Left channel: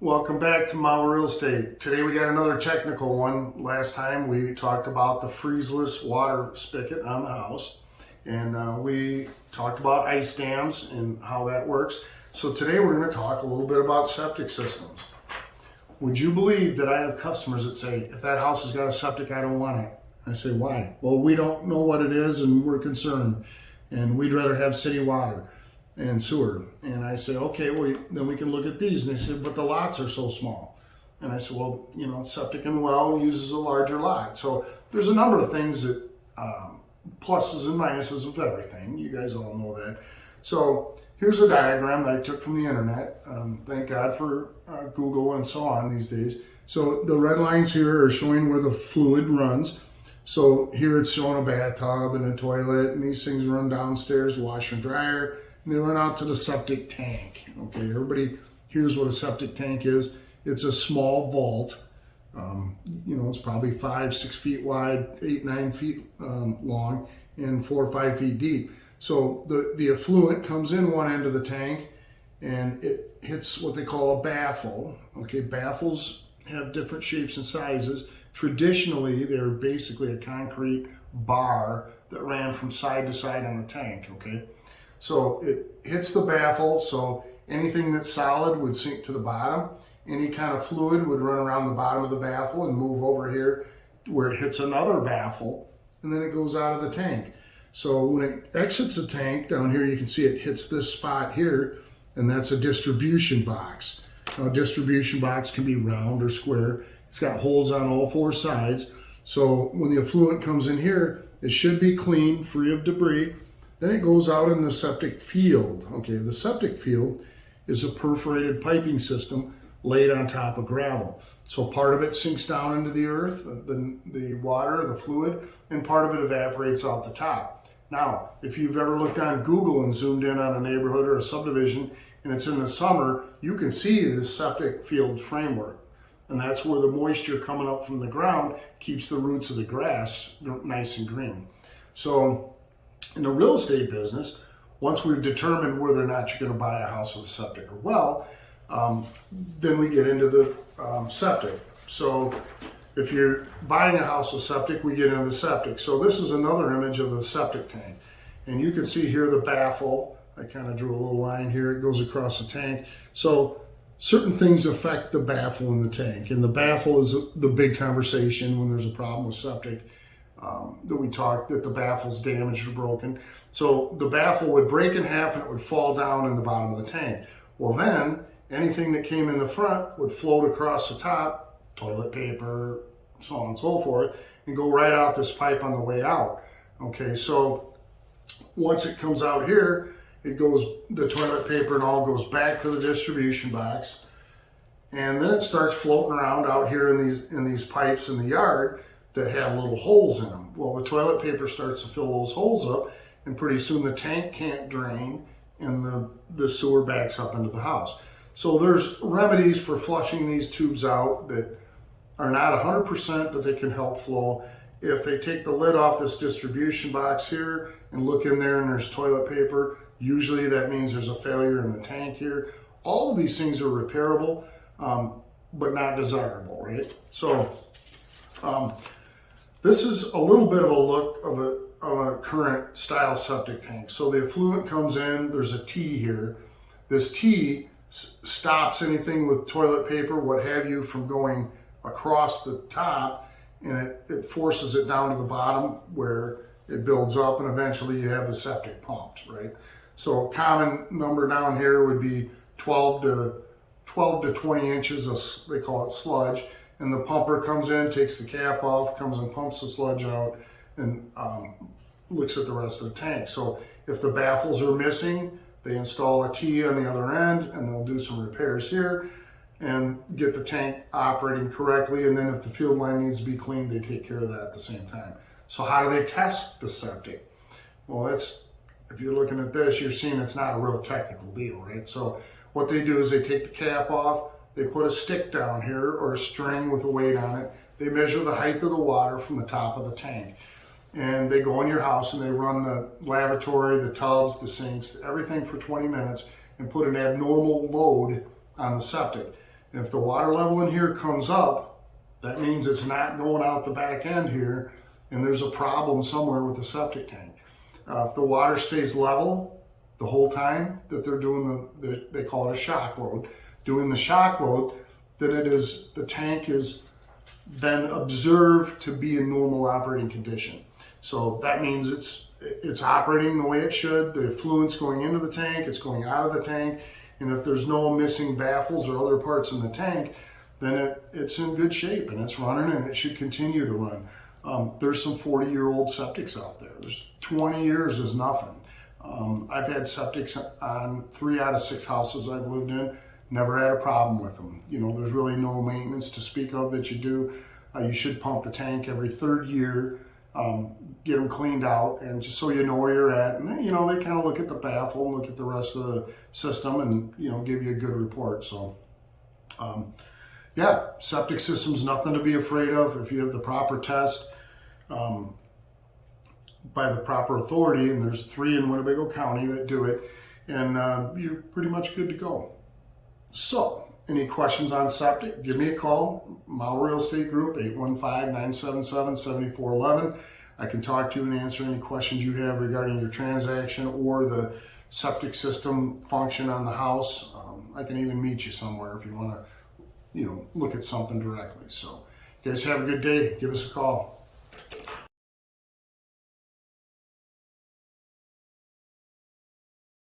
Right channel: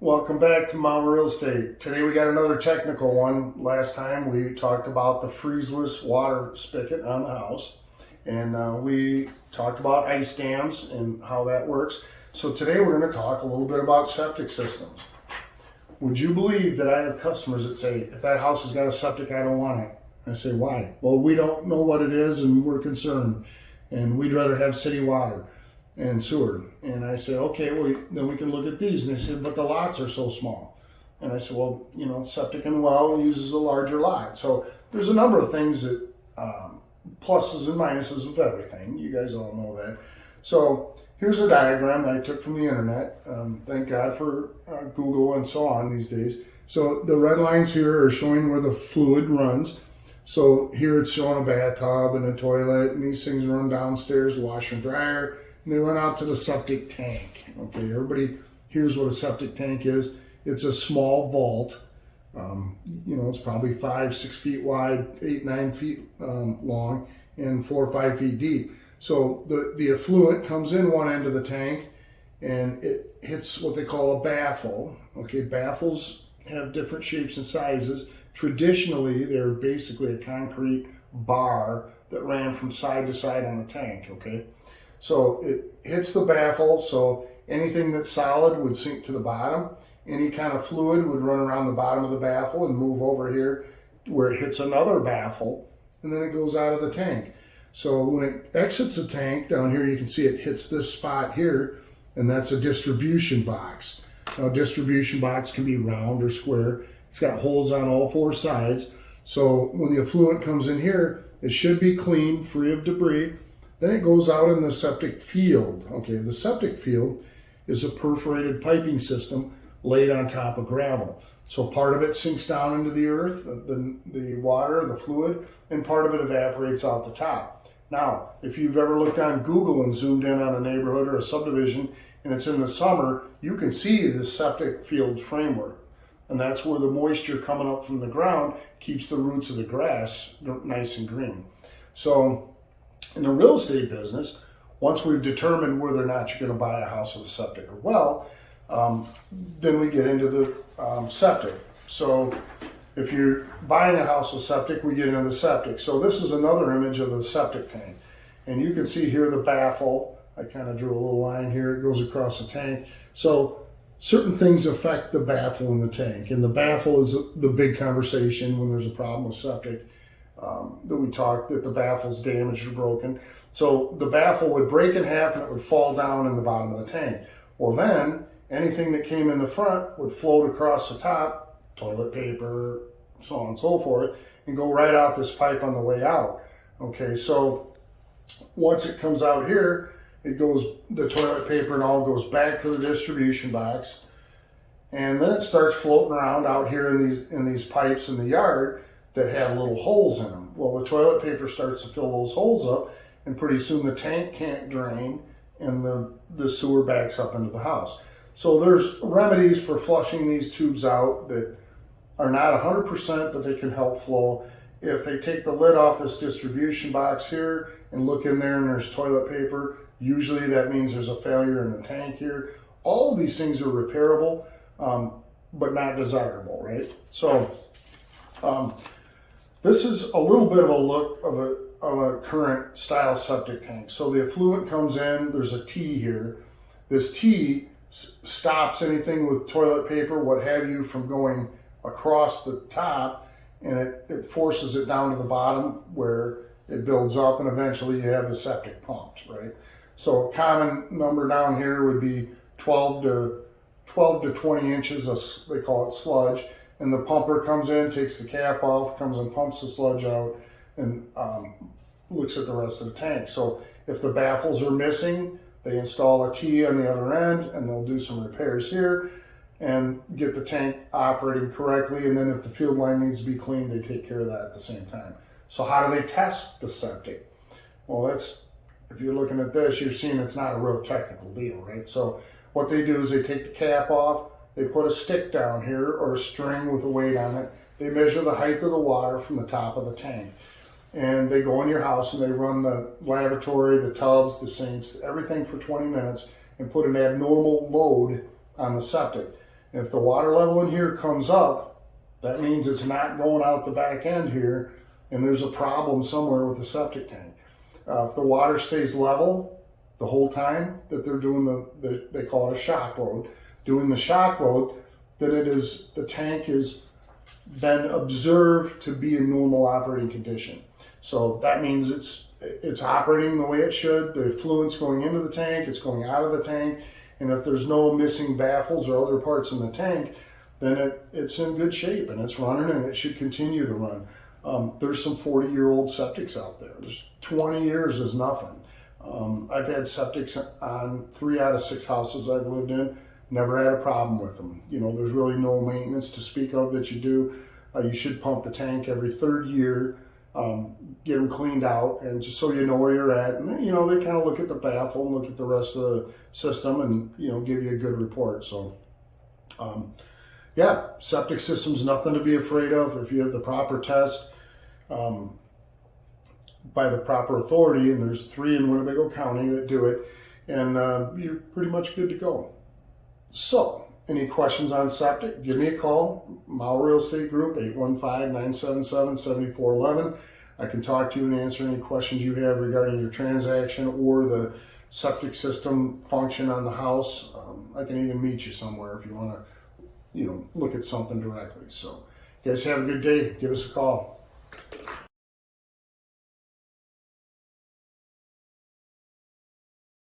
Welcome back to My Real Estate. Today we got another technical one. Last time we talked about the freezeless water spigot on the house, and we talked about ice dams and how that works. So today we're going to talk a little bit about septic systems. Would you believe that I have customers that say, if that house has got a septic, I don't want it? I say, why? Well, we don't know what it is and we're concerned, and we'd rather have city water and sewer. And I say, okay, well, then we can look at these. And they said, but the lots are so small. And I said, well, septic and well uses a larger lot. So there's a number of things that pluses and minuses of everything. You guys all know that. So here's a diagram that I took from the internet. Thank God for Google and so on these days. So the red lines here are showing where the fluid runs. So here it's showing a bathtub and a toilet, and these things run downstairs, washer and dryer, and they run out to the septic tank. Okay, everybody here's what a septic tank is. It's a small vault. It's probably 5-6 feet wide, 8-9 feet long, and 4 or 5 feet deep. So the effluent comes in one end of the tank, and it hits what they call a baffle. Okay, baffles have different shapes and sizes. Traditionally, they're basically a concrete bar that ran from side to side on the tank. Okay, so it hits the baffle, so anything that's solid would sink to the bottom. Any kind of fluid would run around the bottom of the baffle and move over here where it hits another baffle, and then it goes out of the tank. So when it exits the tank, down here you can see it hits this spot here, and that's a distribution box. Now, a distribution box can be round or square. It's got holes on all 4 sides. So when the effluent comes in here, it should be clean, free of debris. Then it goes out in the septic field. Okay, the septic field is a perforated piping system laid on top of gravel. So part of it sinks down into the earth, the water, the fluid, and part of it evaporates out the top. Now, if you've ever looked on Google and zoomed in on a neighborhood or a subdivision and it's in the summer, you can see the septic field framework. And that's where the moisture coming up from the ground keeps the roots of the grass nice and green. So in the real estate business, once we've determined whether or not you're going to buy a house with a septic or well, then we get into the septic. So if you're buying a house with septic, we get into the septic. So this is another image of a septic tank. And you can see here the baffle. I kind of drew a little line here. It goes across the tank. So certain things affect the baffle in the tank. And the baffle is the big conversation when there's a problem with septic that we talked, that the baffle's damaged or broken. So the baffle would break in half and it would fall down in the bottom of the tank. Well, then anything that came in the front would float across the top, toilet paper, so on and so forth, and go right out this pipe on the way out. Okay, so once it comes out here, it goes, the toilet paper and all goes back to the distribution box, and then it starts floating around out here in these pipes in the yard that have little holes in them. Well, the toilet paper starts to fill those holes up, and pretty soon the tank can't drain, and the sewer backs up into the house. So there's remedies for flushing these tubes out that are not 100%, but they can help flow. If they take the lid off this distribution box here and look in there and there's toilet paper, usually that means there's a failure in the tank here. All of these things are repairable, but not desirable, right? So this is a little bit of a look of a current style septic tank. So the effluent comes in, there's a T here. This T stops anything with toilet paper, what have you, from going across the top, and it forces it down to the bottom where it builds up, and eventually you have the septic pumped, right? So a common number down here would be 12 to 20 inches of, they call it sludge, and the pumper comes in, takes the cap off, comes and pumps the sludge out, and looks at the rest of the tank. So if the baffles are missing, they install a T on the other end, and they'll do some repairs here and get the tank operating correctly. And then if the field line needs to be cleaned, they take care of that at the same time. So how do they test the septic? Well, if you're looking at this, you're seeing it's not a real technical deal, right? So what they do is they take the cap off, they put a stick down here or a string with a weight on it. They measure the height of the water from the top of the tank. And they go in your house and they run the lavatory, the tubs, the sinks, everything for 20 minutes and put an abnormal load on the septic. If the water level in here comes up, that means it's not going out the back end here, and there's a problem somewhere with the septic tank. If the water stays level the whole time that they're doing they call it a shock load, doing the shock load, that the tank is been observed to be in normal operating condition. So that means it's operating the way it should. The effluent's going into the tank, it's going out of the tank, and if there's no missing baffles or other parts in the tank, then it's in good shape and it's running, and it should continue to run. There's some 40-year-old septics out there. There's 20 years is nothing. I've had septics on 3 out of 6 houses I've lived in. Never had a problem with them. You know, there's really no maintenance to speak of that you do. You should pump the tank every 3rd year, get them cleaned out, and just so you know where you're at. And then, you know, they kind of look at the baffle, look at the rest of the system, and, you know, give you a good report. So, yeah, septic system's nothing to be afraid of. If you have the proper test by the proper authority, and there's 3 in Winnebago County that do it, and you're pretty much good to go. So, any questions on septic, give me a call. Mile Real Estate Group, 815-977-7411. I can talk to you and answer any questions you have regarding your transaction or the septic system function on the house. I can even meet you somewhere if you want to, you know, look at something directly. So, you guys have a good day. Give us a call.